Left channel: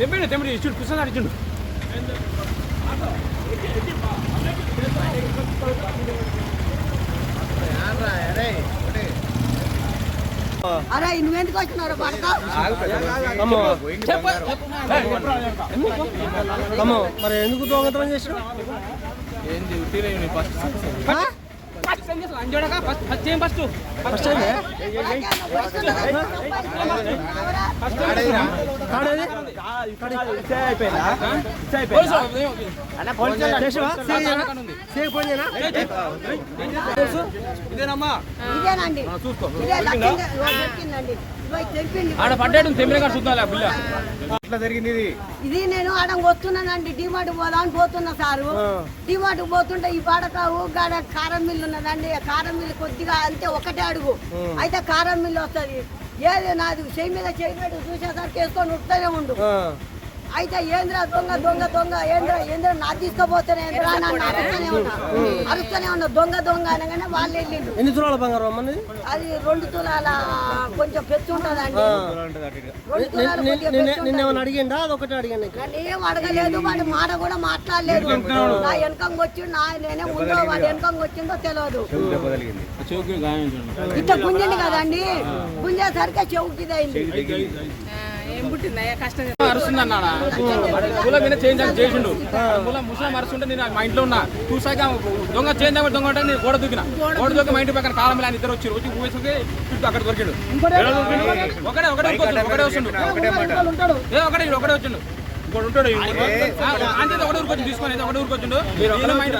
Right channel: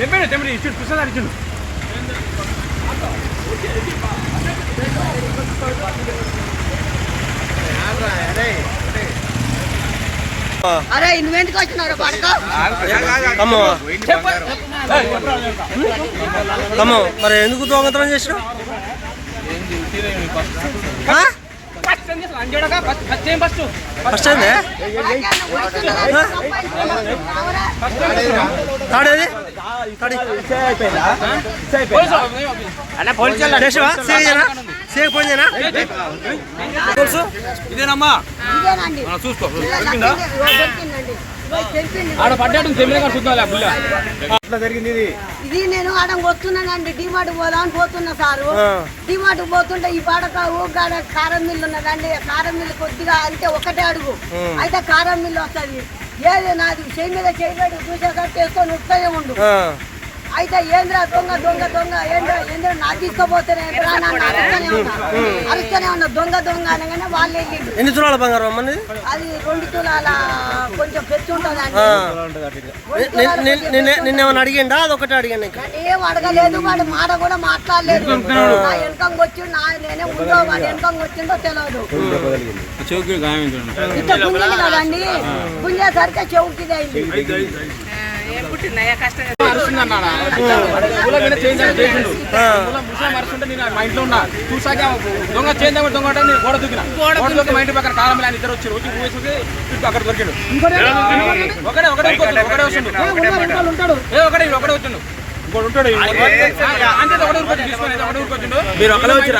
తెంపిడు ఇచ్చుడు కృష్ణ ఇచ్చుడు. అరే నువ్వెందుకు వచ్చినారు మరి ఎందుకు దొంగతనం చేసినావు? ఫస్ట్ అయిందే తాడేది చేసావా? సేక్ ఫోన్ చేయనా? తెలుసు ఇదేనమ్మా చూసుకో ఆడ పడ్డాడు జరిగింది. ఇది నేను ఆడ వస్తున్నానండి. డిమార్ట్ పోదామని పోతున్నా సారు. డిమార్ట్ పోతుంటే ఈ పాడకావు గాడ కారం మిల్లు ఉన్నదండి. కారం మిల్లు కొద్దిగా అంటే ఒకటే అడుగు అయితే కారం మిల్లు వస్తుంది. ఏది నాది చేయి మీద చేయబడి చూసేసరికి చేసుకొని ఉత్తనే ఉండు. అయితే ఏంద్రా దొంగ దొంగ దొంగ ఏంద్రా నా తీసుకుపోతేనే నన్ను అరుస్తూనే ఉన్నా దొంగ దొంగ అనగానే వాళ్ళు వెళ్ళిండు. ఎన్ని తులాల బంగారం అమ్మని? అది 2 తులాల కొంచెం పెచ్చు ఉంటుంది అండి. నిన్నేమన్నా అడిగిండా? అది ఒకటే అడిగాను. ఏం అడగలేదు. వాడు మాట కూడా మాట్లాడలేదు. నా వెనకంగా వచ్చిండు. నేనే ఉందో వాడు వెనకంగా వచ్చిందో తెలియదు. ఇట్లా గుంజలు కదండి. గుంజేసరికి చెవుకిది అయింది. మరుస్తుంటే నేను మా ఇంట్లో ఉన్నా చూసాక దొంగ చేందా దొంగ నేను గోడ దూకిన. గోడ దూకి మా ఇంటి పక్కన కాలం ఇద్దరు వచ్చారు. వచ్చి ఊసేసి అక్కడ దొరికాడు. ఒకటే వస్తుండు. ఒకటే వచ్చిండు. ఇంకోటి ఉంటాడు అంతే. ఒకటే ఊరికి తీసుకొని ఒకటే ఊరికి వచ్చిండు. మీరు ఒకటే వచ్చిన